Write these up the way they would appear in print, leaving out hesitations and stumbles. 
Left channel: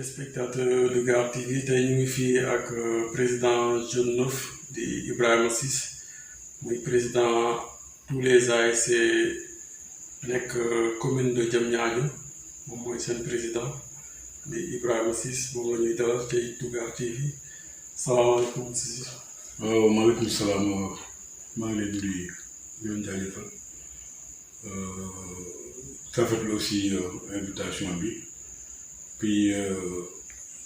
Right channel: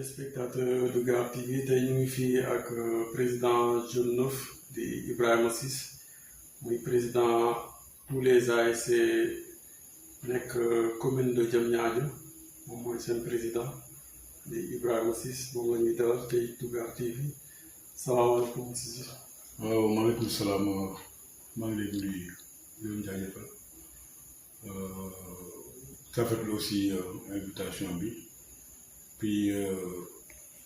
téléspectateur de Gare TV tey ñu ngi fii ak président Jeune Neuf di Ibrahima Ciss muy président tous les ASC nekk commune de Diamniadio moom mooy seen président di Ibrahima Ciss moom la ñuy dalal tey du Gare TV salaamaaleykum Ciss. waaw maaleykum salaam maa ngi leen di nuyu di leen jaajëfal rafetlu aussi invitation bi puis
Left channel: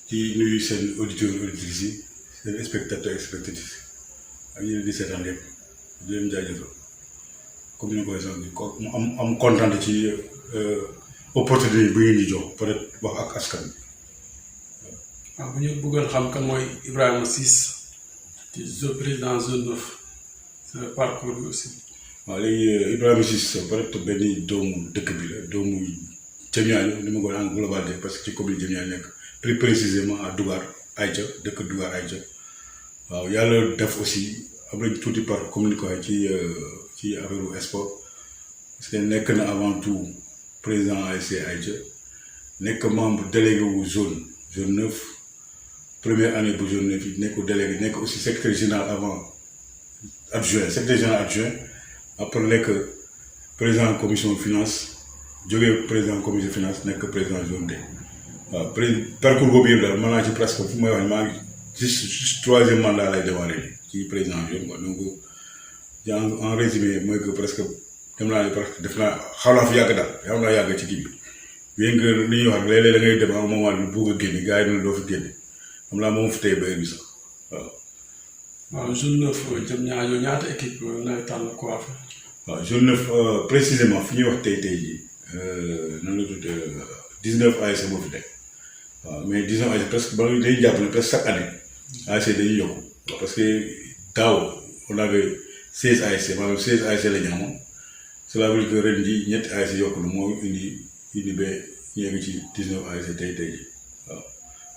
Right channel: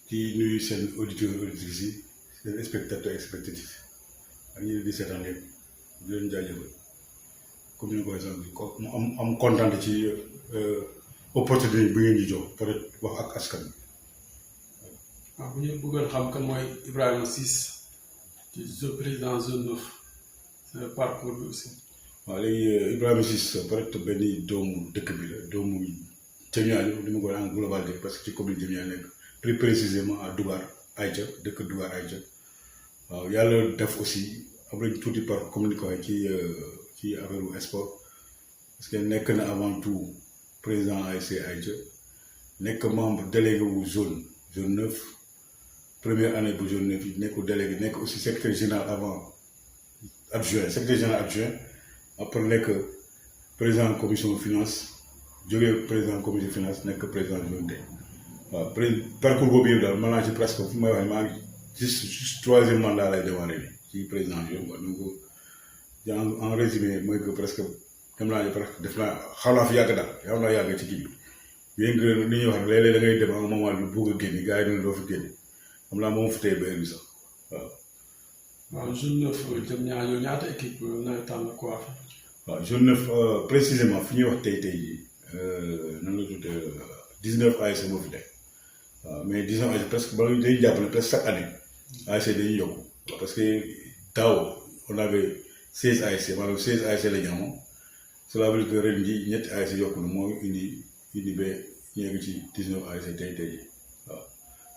di nuyu seen auditeurs auditrices yi seen spectateurs spectatrices ak ñeneen di seetaan yëpp di leen jaajëfal comme ni ko waxee ko mu am kontaan ci opportunité bi ngeen di jox peut-être wax ak askan bi. waaw bu ñu bëggoon xam kan mooy Ibrahima Ciss di président Jeune Neuf sa parcours bi aussi. waaw léegi Ibrahima Ciss peut-être benn doomu dëkk bi la doomu Diamniadio ni ma ko en globalité parce que ci commune Diamniadio nekk plus précisément à Dougar Aïcha dëkk Dougar Aïcha waaw yàlla def aussi am nañ tuuti par comme ni ko waxee ci affaire sport parce que nekk na avant tout président ASC Aïcha nekk membre délégué wu zone neuf première année bu zone neuf yi nekk délégué nekk aussi secrétaire général avant adjoint secrétaire général adjoint après nekk président commission finance jógee président commission finance nekk président zone D waaw parcours boobu yëpp daal mën naa ci presque fu may wax maa ngi juste troisième mandat lay démarrer ci président zone quoi donc en résumé mooy que presque dem naa ne presque def naa xaw naa fi yàgg daal xaw naa yàgg ci kii bi bien que li ñuy wax léeg-léeg da ngay dem à un moment bi bugg a génn gars yi ne doo fi génn xam naa moom fi tey ba heure bi sax waaw. waaw Jeune Neuf Diamniadio ñaata équipe nawetaan la ko affaire. waaw Jeune Neuf précisément fi ñuy wax tey jii noonu la tudd 19 ASC moo fi teg waaw mais 19 ASC presque ba dañuy jàpp ne presque chaque année ASC dañuy yokku parce que daaw on avait 16 ASC maanaam 16 ASC la ñu amoon cela veut dire que ren jii ñetti ASC yokku na moo indi ba ñu yegg ci 19 ASC tey jii waaw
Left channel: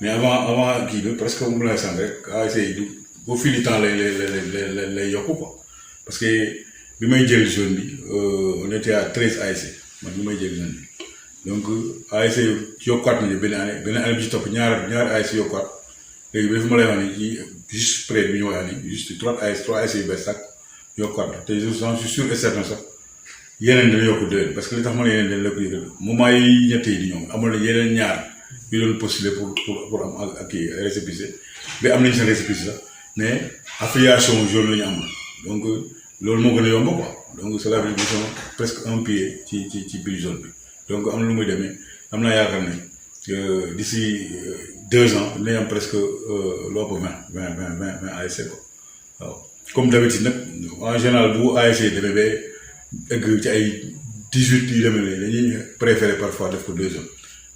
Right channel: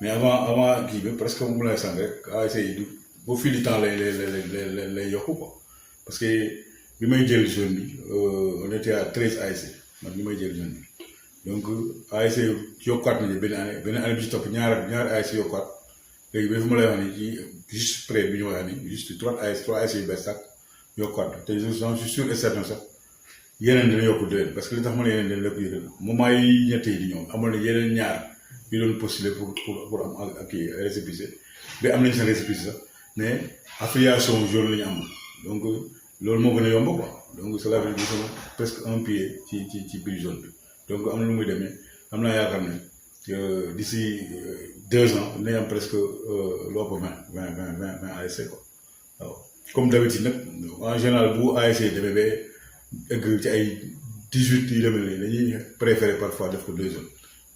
mais avant kii bi presque moom lay sant rek ASC yi du au fil du temps lay yokku quoi parce que bi may jël zone bi on était à 13 ASC man bi may jël zone bi donc ASC yokkuwaat nañu benn année bi ci topp ñaar ASC yokkuwaat léegi ba fi ma lay wax ni ci juste près bi ñu wax ni juste 3 ASC yu bees sax yokkuwaat te je suis sûr et certain sax yeneen dina yokku déwén parce que li tax ma ne yeneen dina yokku déwén moment yi ñett yi di ñëw amoon na yeneen ñaar yu doon postuler pour am ak kii récépissé bi am nañ sa récépissé sax mais affiliation zone la ñu am donc loolu moo gën a yomb quoi donc c'est la révision presque un pied ci biir zone bi donc am na lu muy demee am naa yaakaar ne d'ici 2 ans dinañ am presque lu ëpp 20 ASC quoi waaw comme d'habitude nag en général bu ASC demee ba egg ci ay 18 yu demee nii dañuy préférer parfois def ko 2 zones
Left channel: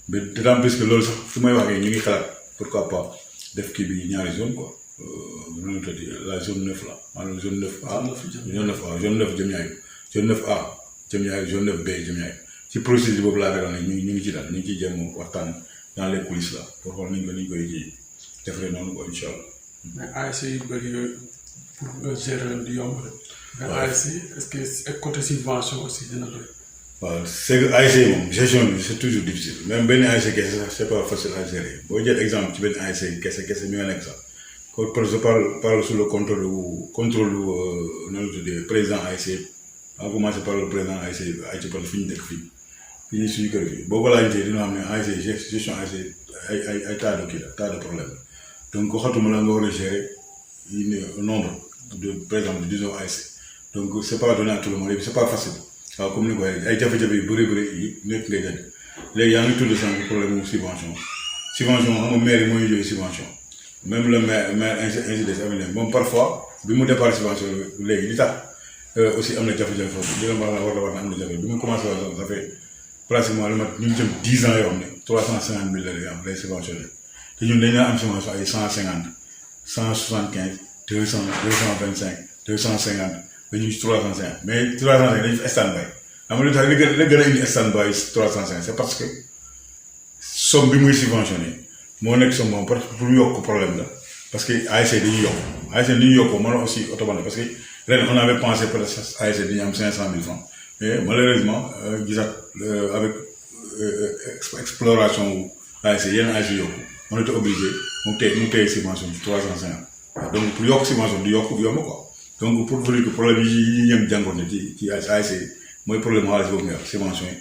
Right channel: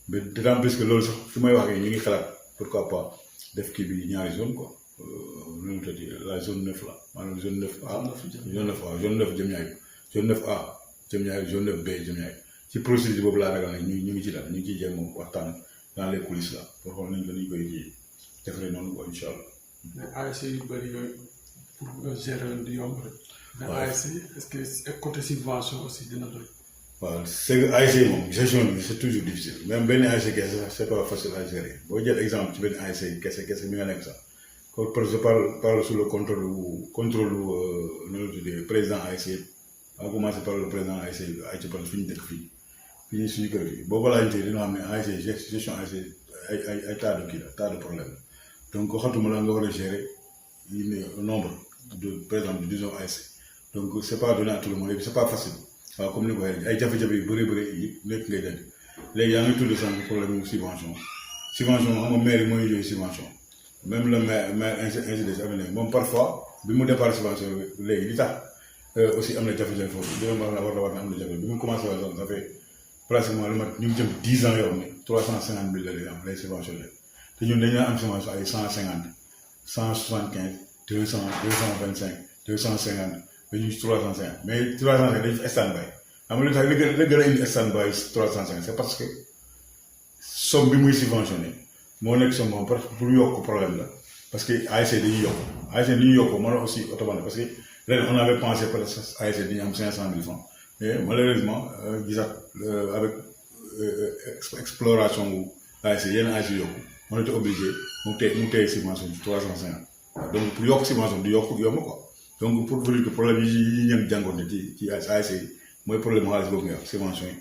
mais d'autant plus que loolu sax fu may waxee ñu ngi xalaat pourquoi pas def kii bi ñaari zone quoi loolu la tudd la zone 9 la maanaam zone 9A zone 9 Diamniadio zone 9A Diamniadio zone 9B Diamniadio ci procédure boobu laa ragal ne ñu ngi ci daal ñu ngi ciy jéem waxtaan dans les coulisses là pour xool ni ñu koy ji defaree noonu quoi incha allah. mais ASC yu bëri yooyu pour nga gérer du yomb rek. mais ASC est-ce que côté subvention aussi dina doy. waaw c'est que ASC moom gestion bi c'est toujours difficile même benn ASC kese sax c'est pas facile à gérer boo jël exemple ci benn ASC kese mi nga nekk sax kon je parle sous le contrôle noonu la tuddee président ASC en commencé par le président ASC Aïcha Pal fi ñu dëkk fii ñu suñu kër gi boo ko laajtee dina xam ne ASC gestion ASC ay tas de kii la tas de problème donc xatuma la nga war a gérer nombre de par exemple de 19 ASC donc c'est pas donné à tout le monde c'est pas facile waaw comme ni ko waxee ay jafe-jafe yu bëri yi nekk ngay jënd léegi yaa ngi tudd sànq problème mu subvention xam nga maire yi mooy yooyu subvention même le maire ainsi de suite moom parfois bi mu départ subvention léegi li tax aussi am na jafe-jafe foofu dina war na am na jafe bi mu commencé woon ça fait pratiquement lu mat ñu ngi jëm 10 ans yoo xam ne 350 000 la am lay subventionné te ñun dañu am subvention ay 150 175 200 225 250 ba ñu 350 mais 350 dañu fi stand by am na lu tax li gën a indi stand by 350 c'est parce que somme bi muy subventionné moo nekk somme moom pour yokk problème la parce que ASC dañuy yokk ASC dañuy yokk mën na aussi automatiquement parce que ren on avait pensé peut-être ASC dañuy am 500 000 francs mais malheureusement gisaat avec exploration ASC yenn ASC yokku on était obligé mu téye subvention bi 350 donc pour yokk subvention du yokk yomb quoi donc pour vous dire que problème yi ñëm jàngoon ne ci ASC mooy problème xaalis boobu nga wax subvention yi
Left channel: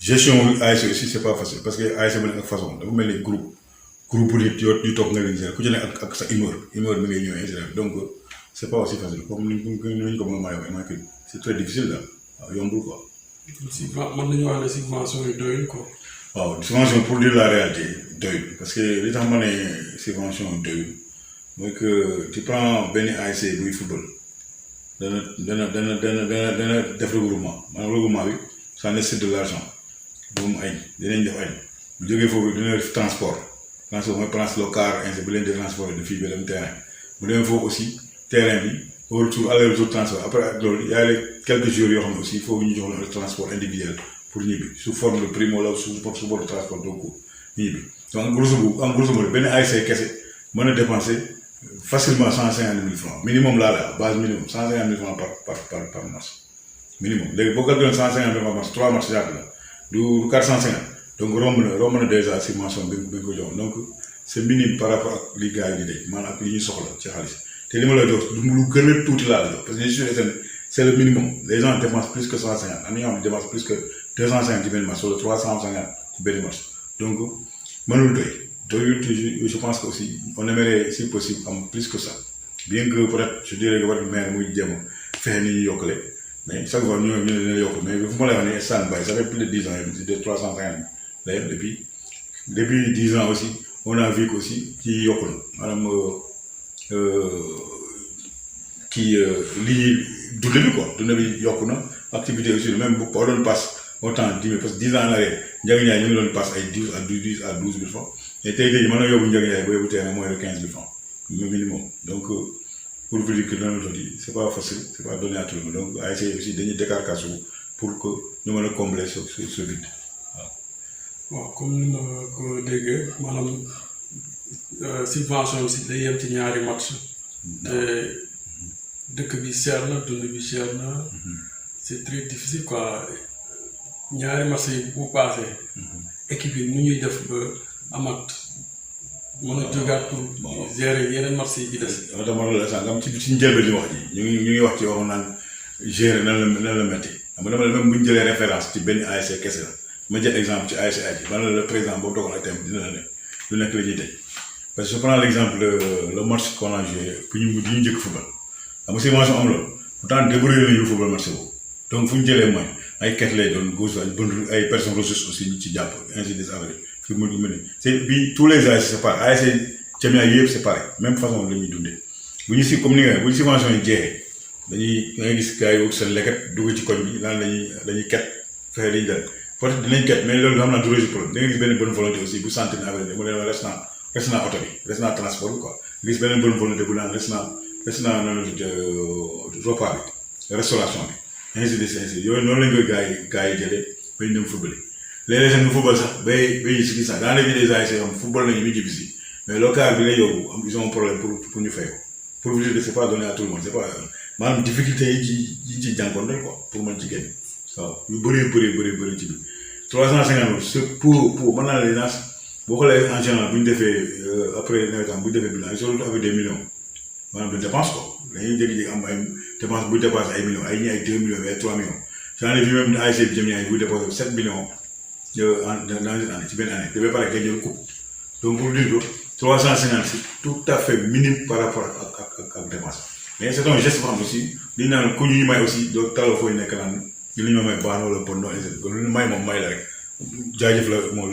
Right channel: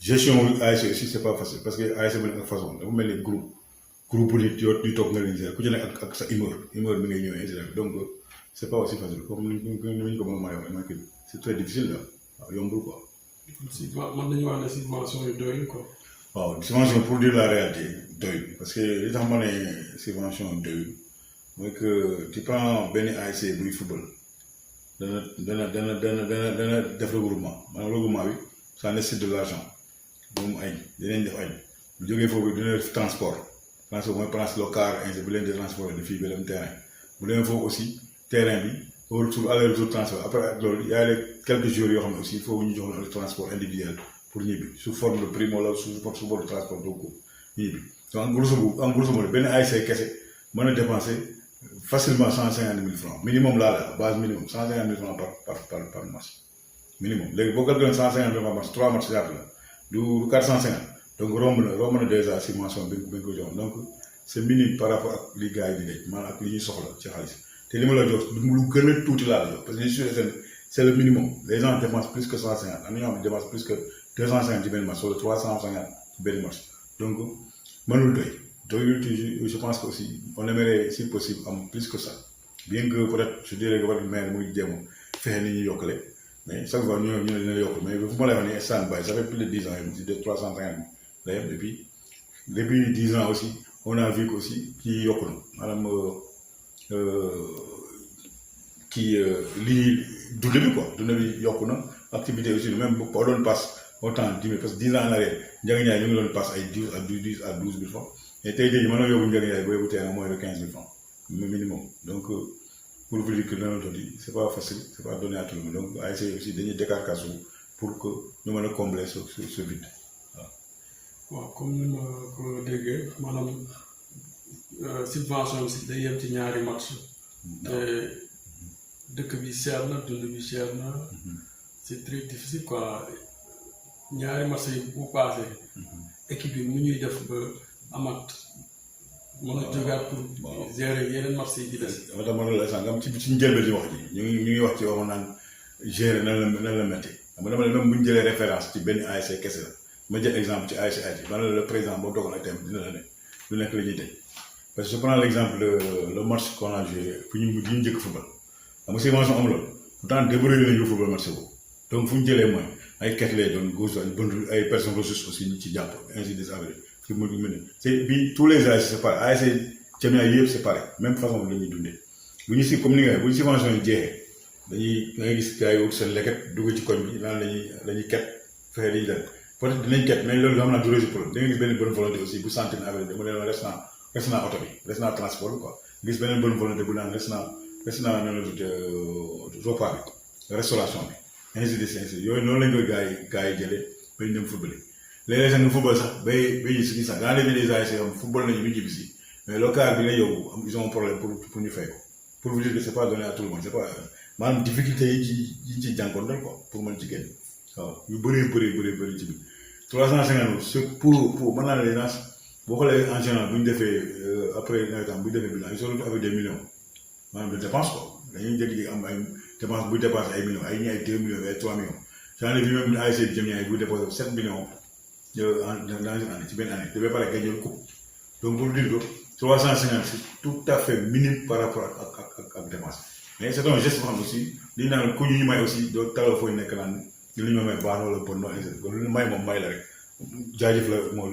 gestion ASC aussi c'est pas facile parce que ASC ba nekk ak façon dafa mel ni groupe bu nit yu toog nga leen gérer ku ci nekk ak sa humeur mi ngay ñëwee donc c'est pas aussi facile comme ni ñu ko mën a waxee que c'est très difficile là waaw yombul quoi. mën nañu wax ne subvention yi doyul quoi. waaw subvention pour dire la réalité doyul parce que li tax ma ne subvention doyul mooy que tu prends benn ASC buy football dana def regroupement maanaam regroupement bi ça nécessite de l'argent ba mu añ dinañ def añ bu jógee foofu dina def transport mooy place local ainsi bu leen di transport de fii ba dem terrain bu leen foofu aussi terrain bi au retour aller-retour transport après ak loolu y a quelques jours yoo xam ne aussi il faut ñu jox le transport individuel pour ñibbi sous forme de prime wala sous forme de transport donc ñibbi donc en grosso modo benn ASC kese mën na dépenser facilement 150 000 francs minimum laa la base minimum 150 000 francs par match minimum léegi boo calculé 150 000 par match 3 matchs ñaata la du 450 donc romb na déjà subvention bi nga ko jox donc c'est minime par rapport ak li gars yi di dégg maanaam ak li ñuy soxla ci xaalis te li ma la jox lu gën a tuuti laa la jox parce que je suis c'est le minimum les gens dépensent plus que 150 am na ñoo xam ne dépensent plus que 250 ci benn match wala 350 ci benn match donc mënul doyul je pense que aussi on aimerait si possible am plus que ça bien que peut-être je dirais que votre maire muy jéem fexe ni ñu yokkale mais chaque fois ñu ne yokk mais fu ma lay wax ne sànni bari ça fait plus de 10 ans yi de 350 la yem depuis 10 ans aussi on a vu que aussi ci yokku na maanaam lii dund bi quoi dund bi yokku na activité aussi même bu ko doon passe autant 10 000 parce que 10 ans en arrière njëriñ ñu ngi doon passe ay 10 à 12 000 francs et tey jii mën na yóbbu njëriñ yaay ba yóbbu tey moins de 15 000 francs minimum donc pour vous dire que li ma di c'est pas facile c'est pas donné à tout le monde donc ASC aussi dañuy décarcasse pour que ñu mën a combler ce vide waaw comme ni ma ko déggee maanaam subvention si day yem ci ñaari match te dëkk bi cher na dund bi cher na c'est très difficile quoi ñaari match yi bu passé équipe yi nu ñuy def ba amat mën a jógaat pour gérer yeneen match yi di des. dama tax ma loolu la sànq am ci njëlbeen li wax ji ñu ngi wax ci waxoon naan gérer nan la métti xam nga dama ne même bu ñu jëlee référence ci benn ASC kese la ma jël exemple ci ASC Aji man la le président boobu dogal ak thème dina la ne lu nekk la ñuy tey parce que je prends l'exemple le match qu'on a joué que ñu njëkk football xam nga subvention am loolu pourtant débrouillé nañu football match boobu donc fu ñu jëlee mooy ay ket lay doon gauche ay personnes ressources aussi ñu ci jàpp ainsi de suite fi mu ne c'est bi tous les ASC c'est pareil ASC Jamia yëpp c'est pareil même façon la ñuy dundee bu ñu si comme ni nga bu ñu subvention yi jeexee dañuy da ngay gis gars yi wut seen leket dugg ci koñ bi naan dañuy ket fexe dañuy dal peut-être dinañ ket mais loolu xam naa du résoudre problème da ngay gis benn bonne volonté aussi bu sentir affaire bi mu ne res naa oto bi res naa transport quoi gis beneen bonne volonté bu naan res naa noonu repas bi restauration bi ainsi de suite yooyu noonu lañ koy gars yi jëlee ba ñu dem football léeg-léeg sax ñu football sax bay si gis sax dans les vies des ASC am football nañu ñu jibbi si mais local bi lay yóbbu am ils ont un problème pour ñu fay ko pour vous dire que c'est pas donné à tout le monde c'est pas maanaam difficulté yi ci jànkoonte quoi pour mën ci génn waaw ñu bëri ci biir 350 c'est pour mën naa leen naas boo xoolee en général bu ñu defee après nawetaan bu ñu defee bilan ils sont avec des millions maanaam de dépense quoi dañuy jékki-jékki am ay dépense buy dépassé ay millions ay ñi ay 2 millions ay 3 millions j'en ai vu même ASC Jamia buy dépassé 7 millions dans une année ci benn année dafay pare gagner coupe donc pour dire que 350 c'est tout à fait minime par rapport ak dépense mais c'est un geste boo xam aussi li ñu naan ku ñu may aussi doo taloo fooy nekk naan li ñu may baax wala bon non lu ñu may moom may la rek jaajëf la moo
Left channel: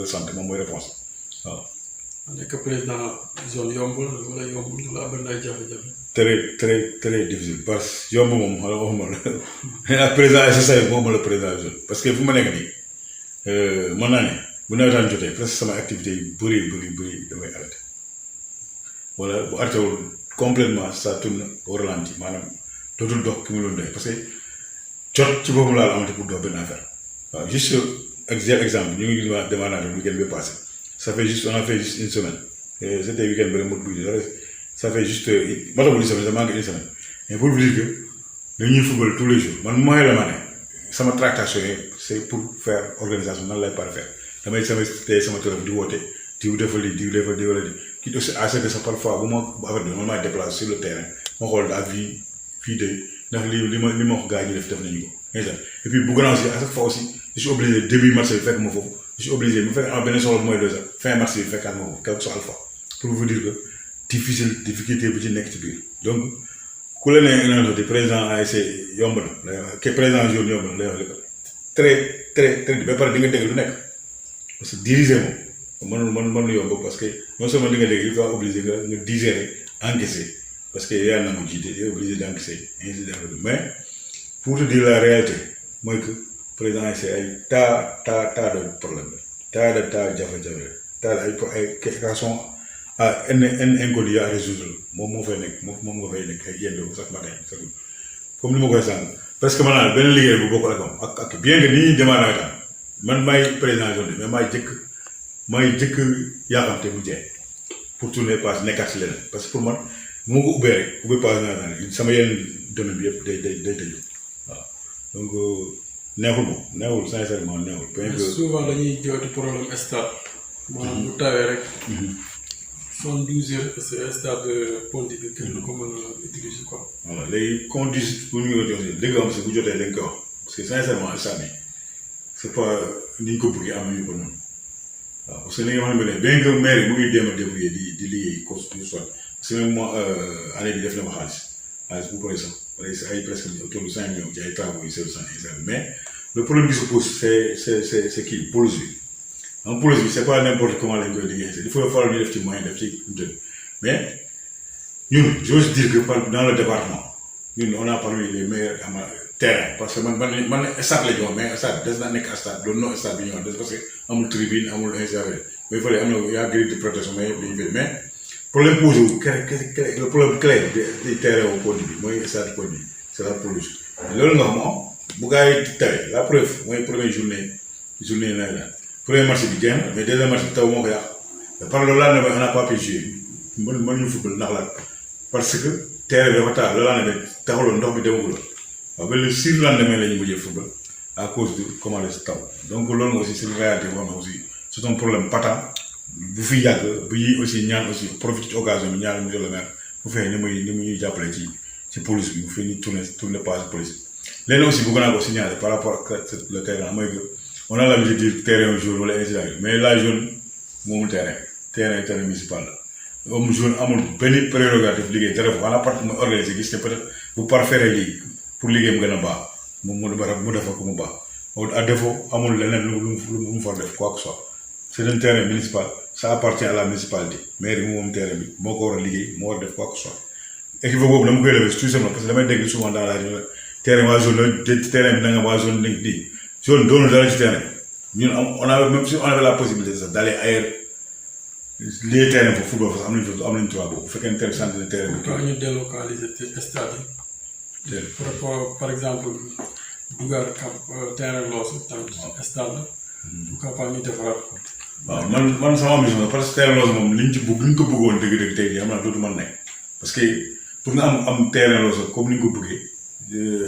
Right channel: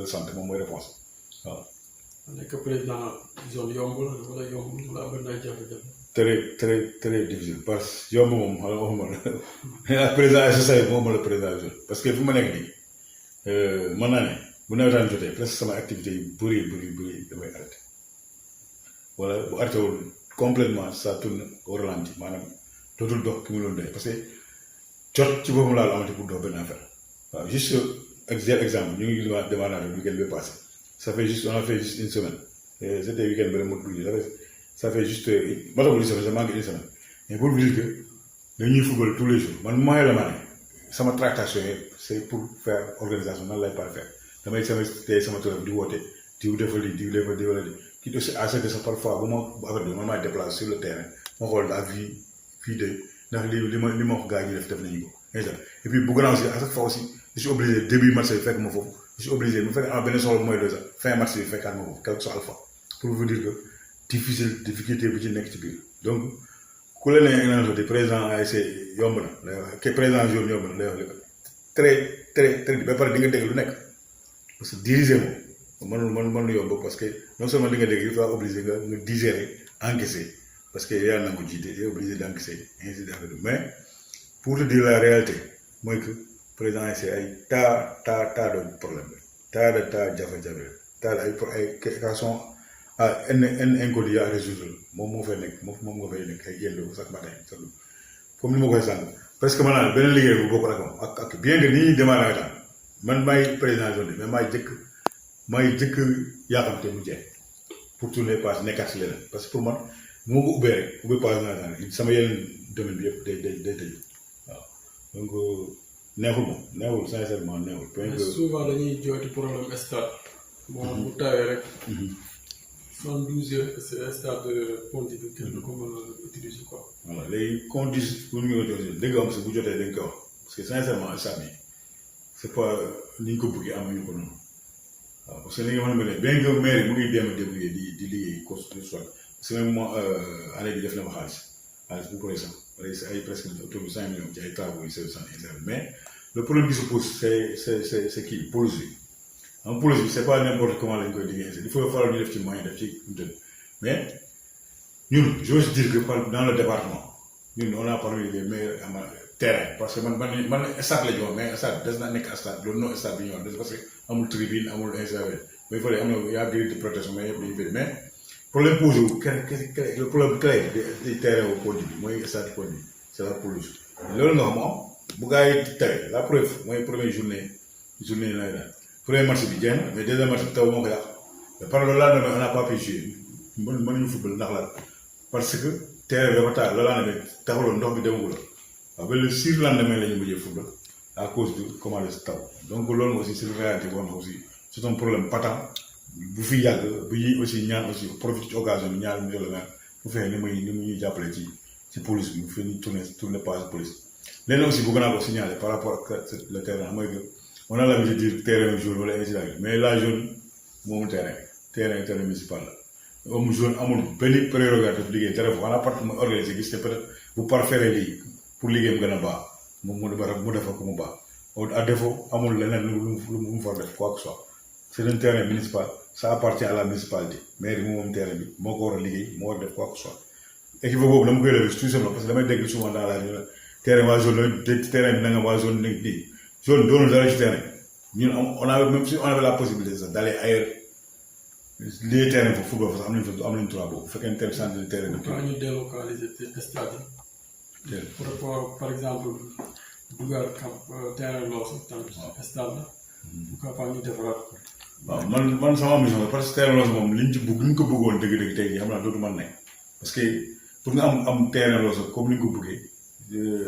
la sant moom mooy réponse waaw. nekk président zone yombul wala yombul wala am na ay jafe-jafe. très difficile parce que yomb moom xala waxuma la ak président SSA moom la président zone parce que fu ma nekk nii mën naa ne bu nawetaan jotee presque sama activité yu bëri damay arrêté wala bu arrêté wul complètement ça tourne au ralenti maanaam dootul dox ki ma doon doy parce que jot ci boppam laa amati pour dox benn affaire waaw juste exemple ñu ngi gis waa demandante week-end bi passé on a fait juste une semaine et c'était week-end bi rek mu bëgg ça fait juste matagul une semaine ça manque une semaine mais pour vous dire que dañuy football tous les jours man mooy la ma ne sama tractation yi c'est pour faire organisation nan lay par faire damay sama téléphone di woote diw defal lii diw defal lii wala di kii aussi à ce que sax parfois bu ma affaire bi man maa déplacé sur le terrain ma xool à vie fii de ndax li ma wax gars yi def nañu ko et puis bu grand si à chaque fois aussi je suis obligé début match bi fekk ma foofu je suis obligé bu fekkee am benn soxla mooy deux heures fin match bi fekkaat ma foofu quelque soit alpha pour vous dire que difficulté bi ci nekk ci biir donc ku la nee énergie de président ASC yomb na ke président jour yomb na lay wax lépp très très très ba pare di nga dégg lu nekk parce que diriger moom mënul yomb parce que non seulement di nga dégg il faut obligé nga digérer encaisser parce que yàlla na ma jiite il est obligé d'encaisser ainsi de suite mais pour te dire la réalité mooy que président ASC ay tas de problème tas de jafe-jafe tas ay questions à inconnu à résoudre moom moo fay nekk moom nga fay nekk ay yéen sax ba tey comme ni ma koy sànq presque maanaam benn liggéey bu bokkul ak moom ak bien que ni ñuy démarré tam man maay président zone mais maay jëkk yaaxamte bu jeex pour tourner passe nekkaat si leneen parce que pour man bu ma ko ubbee rek ubbi passe naa sama yeneen domaine bi yëpp day tëju waaw donc neexul sincèrement neexul. mais souvent dañuy jooytu problème stade maanaam bu tawee rek. 72 heures stade de Ponty bi kenn du ko mën a utiliser quoi. voilà léegi conditions pour ñu ko jox dëgg am si bu jotee dañ koy wax parce que sincèrement stade bi c'est pas ni ñu ko bëggee amuñu ko noonu waaw parce que li nga xam ne bien que maire yi mu ngi jéem a débrouiller di liggéey cause du soit parce que même moi année bi def na ma xaalis bu bëri sax ay presque autour de 5 millions ci ay travaux yu sew sant mais le problème qui se pose c'est kii pelouse bi. en pelouse bi c'est pas n'importe comment lañ koy liggéey il faut falloir ñu def ci moyen def ci mais ñun j'ose dire que dans le département ñun on a parmi les meilleurs terrain parce que man stade la ñu mais stade des na nekk stade loolu non stade bi ñu des parce que amul tribune amul installé mais il fallait am na yaa grille de protection mais problème posé wu le problème clé des terrains au Ponty bi mooy stade Ponty bi c'est la pelouse loolu nga xam moom bu gars yi tawee la preuve mooy première journée nawetaan premier match bi jeex na mais deuxième match bi taw moo ko yàq par loolu laa ne on n'a pas pu jouer mën ñu football ndax la parce que terrain bi dafa taa loolu laa ne taxaloon ndox bi demagul waaw mais le surlendemain la ñu mujjee football à cause de comment les taw donc loolu aussi c'est une réalité boo xam ne aussi c'est un problème patent bu fi yàgg bi aussi ñaan aussi profité ci occasion bi ñaan monsieur le maire bu fekkee ni muy ñuy jàppale ci police bi bu fekkee ni tourner page police léegi aussi bëgg naa ko signaler par rapport ak le terrain mooy que on a l'habitude de dire terrain jaune wala incident mais la jaune moomul terrain municipal la amul jaune amul benn prérogative liggéey dara foofu xanaa part mooy organisé gis te peut-être bu parfaire lii pour liggéey mu gën a baax mu defal ko mu baax à défaut amul leneen lu mu fa def quoi que ce soit c'est un terrain municipal ça appartient à la municipalité maire bi moom terrain bi moo ko war a liggéey moo war a def quoi que ce soit équipe boobu dama koy lever tout simplement parce que damay dégg souvent dans la région terrain waa zone la terrain bi da nga waa zone nekk di zone doonul dara ci terrain ñun on a même si on avait la possibilité sax d'aller ailleurs les terrains pour football parce que am nañu droit boobu bu fekkee ne terrain centre de terrain bi. quand ñu délocaliser stade yi. par exemple dugaat terrain loosu tamit stade la. bu capable ñu defaraat ko. waaw man sama ambition la parce que terrain loosu moom liñ ko bëggoon dëgg-dëgg tey jii xam naa dootu mën nekk parce que pour nga am terrain loosu comme ni ñu ko bëggee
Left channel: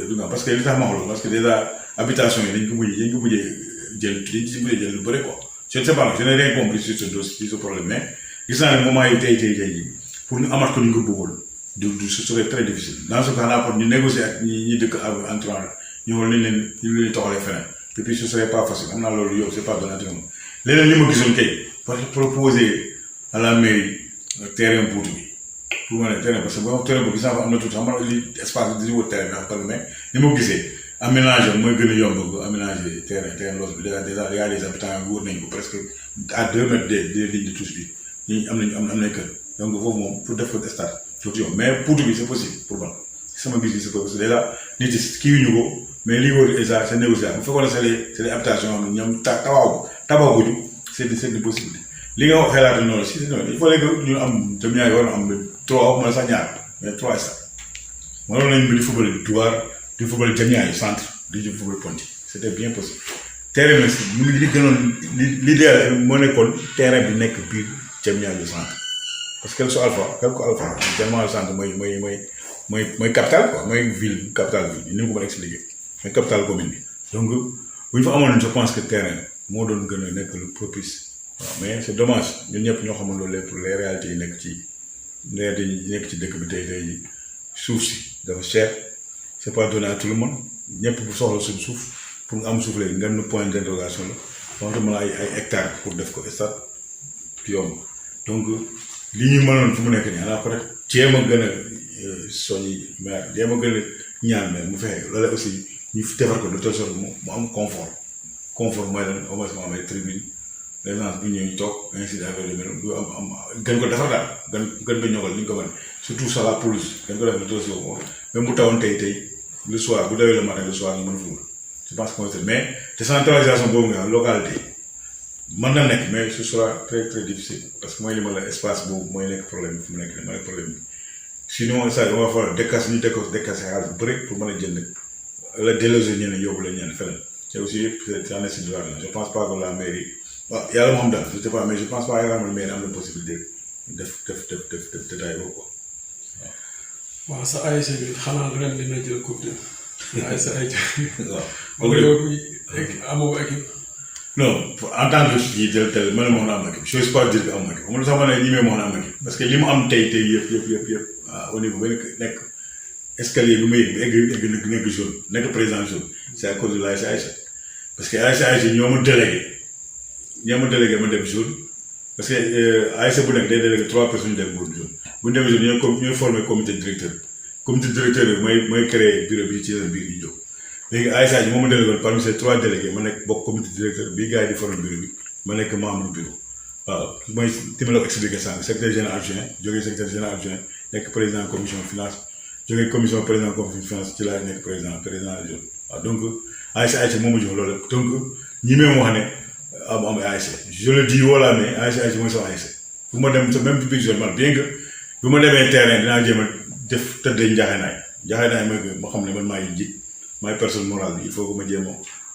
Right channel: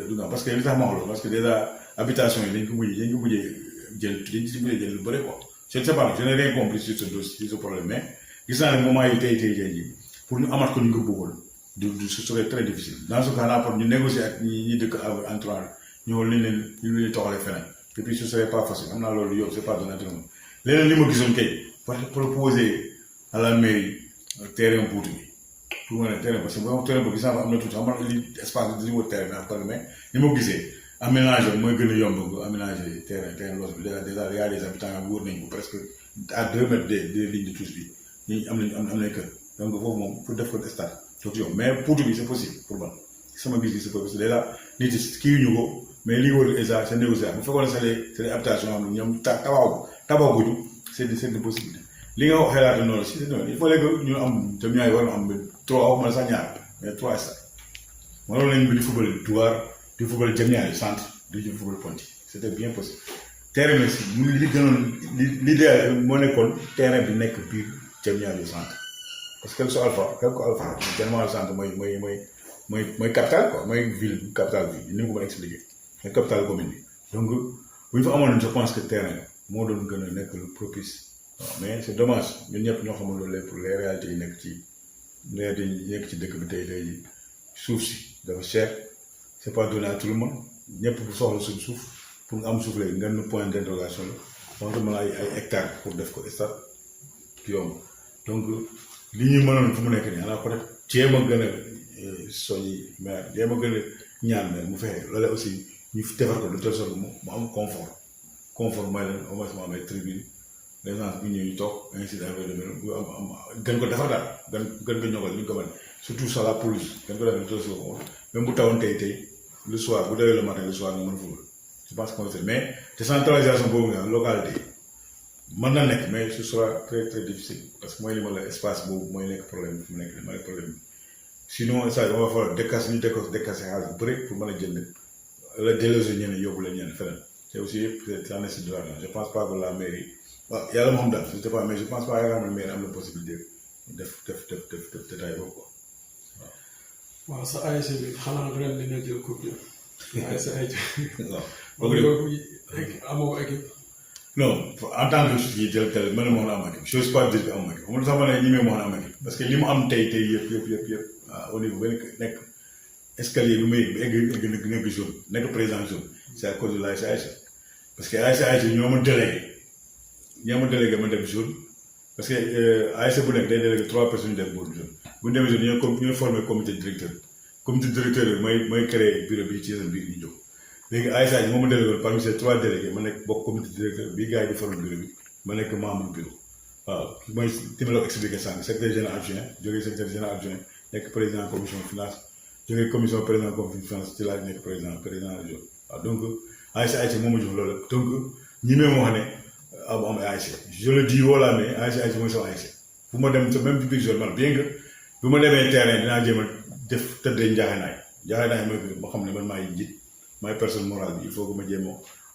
du nga parce que li tax ma xool parce que déjà habitation yi dañ ko mujjee jël lu bëri quoi je ne sais pas je n'ai rien compris sur ce problème mais gis naa ne moment yi tey jii pour ñu amaat ko ni ñu ko bëggoon ce serait très difficile dans ce cas là pour ñu négocier ak ñi dëkk entourage ñu xool ni ñu leen toxalee feneen et puis ce serait pas facile am naa loolu yow c'est pas donné leneen li ma gisoon kay pour proposer à la mairie terrain Ponty bi pour ma ne terrain parce que boo terrain boobu gis naa fa am na tuuti xam nga li espace bi di wër terrain bi xam mais ni ma gisee aménager mooy gën a yomb aménager terrain loolu bi déjà y a des habitants wër nañu ko presque à 2 mètres des lignes de touche bi ñi am nañ kër donc foofu moom pour def ko stade tuuti yomb mais Ponty bi c'est possible pour man sama gis-gis c'est possible déjà nit yi kii ñu ko mais li wër déjà c'est négociable bu fekkoon ne c'est des habitations yoo xam ne ñoom tabaguñu c'est des possibilités li nga wax xelaat noonu si il fallait que ñu am jëm ñaari war a am 3 waxuma la sax ñaar mais 3 stades mënoon nañu di football Douar di football Diamniadio centre di football Ponty c'était bien possible terrain bi mu ngi li gënoon l'idéal moo nekkoon terrain bi nekk biir Diamniadio centre parce que su alpha Diamniadio centre mooy capitale quoi mooy capitale ville ni mu ko mën a expliquer mooy capitale commune bi donc bu ñu fa amoon je pense que terrain moo doon gën a nekk lu propice mais c'est dommage ñun ñëpp ñoo xamul loolu pour les réalités yi nekk ci dëkk bi tey suuf si dafa cher c'est pas donné à tout le monde ñëpp bu soxla suñ suuf pour nga am suuf léegi ngeen point d'interrogation la wante mën a ay hectares pour def ko stade yomb donc li ñu mënoon fu mu nekk nii xanaa peut-être jéem a gën a soññi mais jéem a gën a ñaan mais mu fexe loolu aussi ñu defar ko de telle sorte mu am confort mooy lan au moins mu am ay tribune les gens bu ñëw ñu toog ainsi affaire de am gën ko defar daal gën ko ñogal li ñu ko mën surtout ça la police gën ko def de telle sorte même bu tawoon tey le soir bu dawee le matin le soir ñu mën a ful je pense que mais décentralisation boobu nga localité mën na nekk mais ce sera très très difficile parce que mooy li ma la espace boobu mooy nekk problème bi fu mu nekk mooy nekk problème bi sinon ça on va falloir décasse ñu décasse xaalis bu bëri pour mën a jënd la déloger ñeneen yóbbu la ñeneen feneen te aussi c'est un essai de l'argent je pense pas que la mairie waaw yàlla moo xam daal je sais pas mais je pense pas que la mairie am na possibilité def détail boobu quoi waaw sa ASC bi xanaa ren dina jël coupe de ASC ay waaw amoo équipe non en tant que kii tel man moo am équipe je sais pas dire que am équipe amul sax ma ne ñi mee moo am équipe parce que li mu am tey yëpp au niveau ba nekk escalier bi muy egg nekk jaune nekk président jaune c'est à cause de l'ASC parce que ASC ñoo ma délégué ma dem jaune parce que ASC bu nekk day délégué 3 personnes dem boobu jaune bu ñu demee jaune ñooy formé comité directeur bi mooy créé bureau bi ci seen biir ñu jóg léegi ASC moo ma délégué parmi ces 3 délégués ma nekk bokk comité directeur bi gars yi di formé bureau bi ma nekk membre bureau waaw mooy tamit la ko expliqué sànq secrétaire général adjoint jógee secrétaire général adjoint nekk président commission finance jógee commission président commission finance ci laa nekk président adjoint waaw donc ASC moom ma jox loolu donc ñi même wax ne am ASC je le dis voilà mais ASC mooy sama ASC fu ma dem même biir zone man bien que bu ma demee terrain dinaa jéem a def tëddee njaaxaanaay mooy ma xam ne man maay njiit maay personne morale bi il faut que ma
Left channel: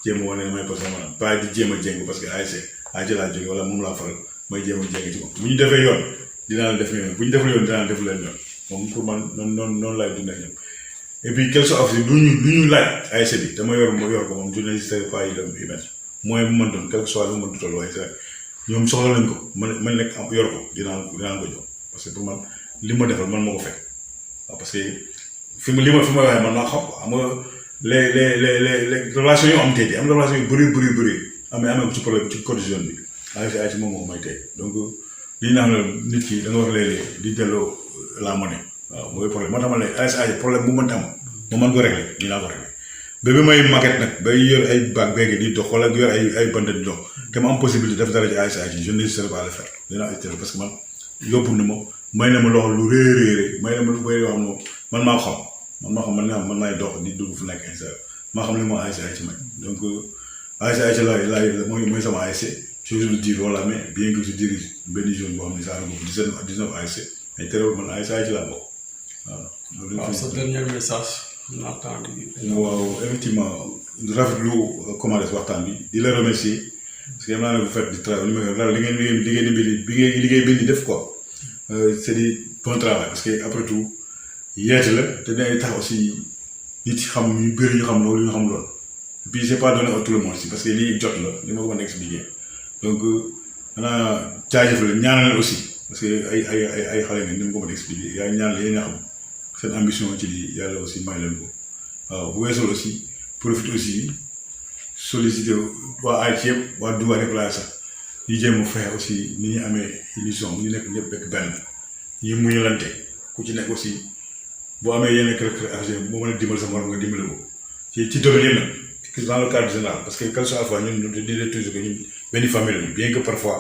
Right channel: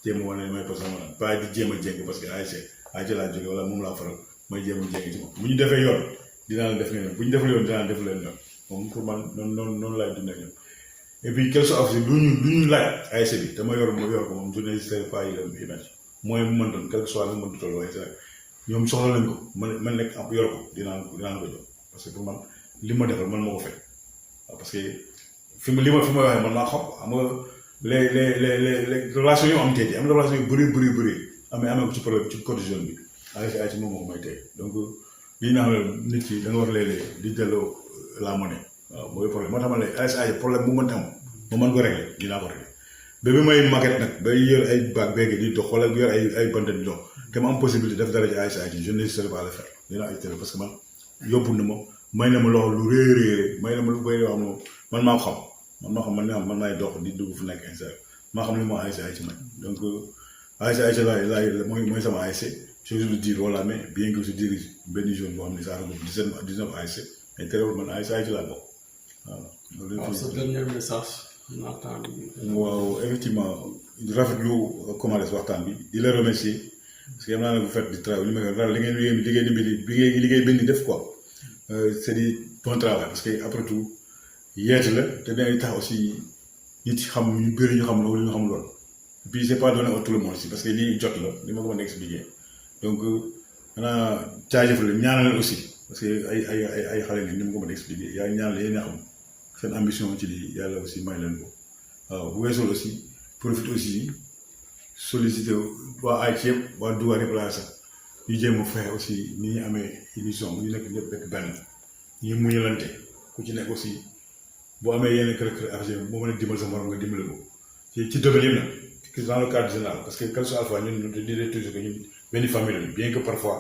jéem a wane maay personne morale pas di jéem a jéng parce que ASC laa jógee wala moom laa faral mooy jéem a jéng ci moom bu ñu defee yoon dinaa la def yoon bu ñu defee yoon dinaa def leen yoon moom pour man noonu laay dundee ñoom et puis quel soit aussi lu ñu laaj ASC bi dama yor ko moom je n'hésiterai pas yi dem émettre mooy bu mën doon quel que soit lu mën toll waaye ñoom soxla lañ ko man nekk yor ko dinaa ko jox parce que pour man li ma defal man moo ko fekk waaw parce que fi ma waxee man naa xam nga les relations yu am tey am relation yu bëri amee ko ci problème ci côté jeune bi ASC moom moo ko may tey donc li ñu naan nit ki da nga wax léeg-léeg di delloo la monnaie waaw mooy problème moo tax ma ne ASC problème bu mënta am ma mën ko régler ñu naa ko régler ba bi may maquette nag bay yor ay baag beegi di dox wala yor ay bant di dox te ma am possibilité def dara ci ASC je n'hésiterai pas à le faire dinaa essayer parce que man yóbbu na ma may na ma loxo lu réeréeré may na ma lu bëri yoo xam ne man maa ko xam man maay dox di dugg fu nekk ASC maa xam ne moo ASC nag donc ASC laay mooy sama ASC je le dis voilà mais bien que je dirige benn zone boo xam ne ça regroupe 19 ASC mais terewul man ASC laa bokk waaw sa dernier message waaw effectivement rafetlu commencé waxtaan bi di la remercier parce que yam naa ne vous faites du travail liggéey bi di def quoi c'est du bon travail parce que après tout yeete la te dangay tax aussi nit xam ñu bëri ñu xam loolu et puis c'est pas donné à tout le monde aussi parce que lii jot la li ma ko mën a expliquer donc xanaa jaajëfal ñaanal aussi parce que ay xale ngeen ni ma ko mën a expliquer yaa ñaanal yéen a xam seen ambition ci lii yàlla aussi may leen ko waaw bu weesoo aussi profite aussi solliciter waa ASC yëpp waa Dougar yëpp laa sax ñu jéem a fexe aussi ni ñu amee émission ñu nekk ñëpp bekk benn ñu muñalante ku ci nekk aussi boo amee yenn kër boo mën a dimbali sa morom nga dimbali ko ci domaine nag dans le cadre général parce que quelque soit fois ñun ñu di toujours que ñun benn famille la bien que parfois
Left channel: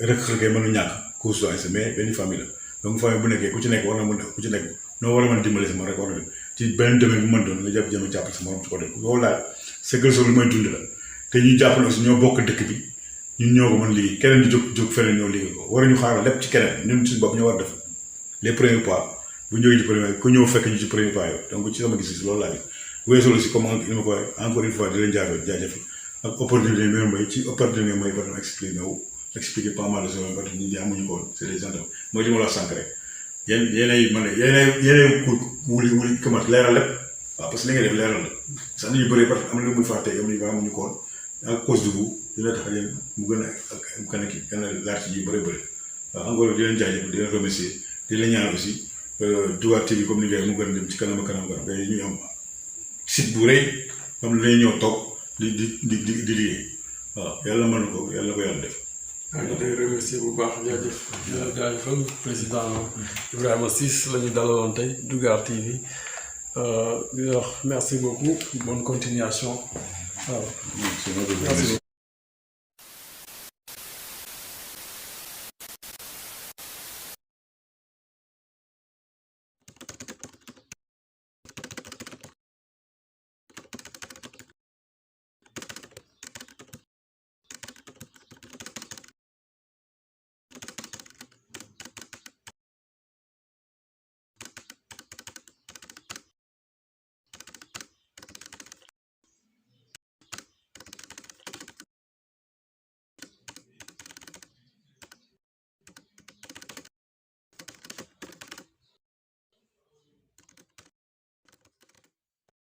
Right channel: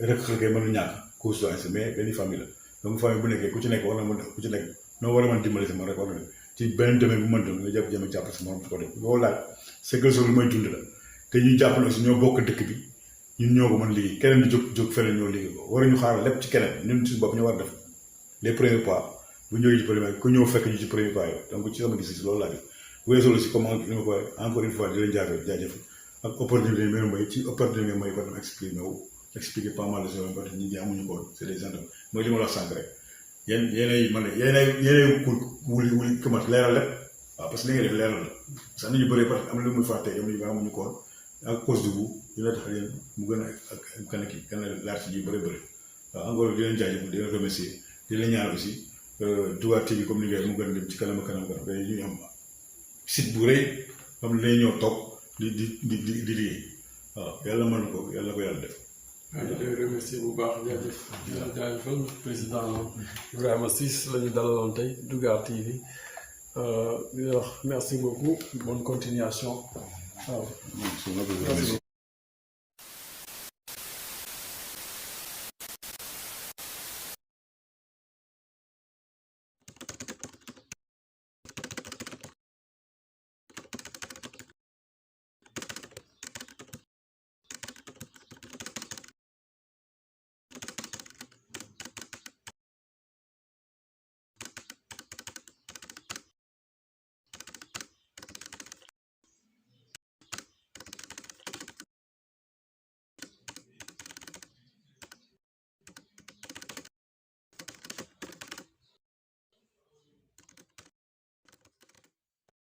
rek mën a ñàkk cause ASC mais benn famille la donc famille bu nekkee ku ci nekk war na mën ku ci nekk noo war a mën a dimbali sa morom rek war na ci benn domaine bu mën doon nga jàpp jàppale sa morom ci côté loolu daal c'est que lu may dund la te ñuy jàppale aussi ñoo bokk dëkk bi ñun ñoo ko mën liggéey keneen di jóg feneen ñoo liggéey ko waruñu xaaral lépp ci keneen ñun suñu bopp ñu war def les premiers pas bu ñëwee ci premier ku ñëw fekk ñu ci premier pas yi donc ci sama gis-gis loolu laa di weesu aussi comme il ma ko encore une fois di leen jaajëf ak opportunité yi may ci opportunité may ko expliquer pas mal de choses parce que nit ñi amuñu ko woon c'est des gens mooy li ma la wax sànq rek yéenay wuli commencé leeral lépp waaw parce que li nga def leeral la sax nit ñu bëri parce que am na lu muy fàtte am nañu ko woon à cause de vous dina tax leen mu gën a kan ki gën a laaj ji bëri bëri waaw encore di leen jaajëfal di leen remercier di leen ñaan aussi Touba TV comme ni ngay mu gën a dem ci kanam ba ñu am site bu rëy xam ne dañuy ñëw toog di liggéey waaw yàlla mën na ko yàlla ko yàlla def. waaw ñu lay remercier bu baax jaajëfal président Ibrahima Ciss la ñu dalaloon tey Dougar TV di wax merci beaucoup bonne continuation waaw. merci beaucoup.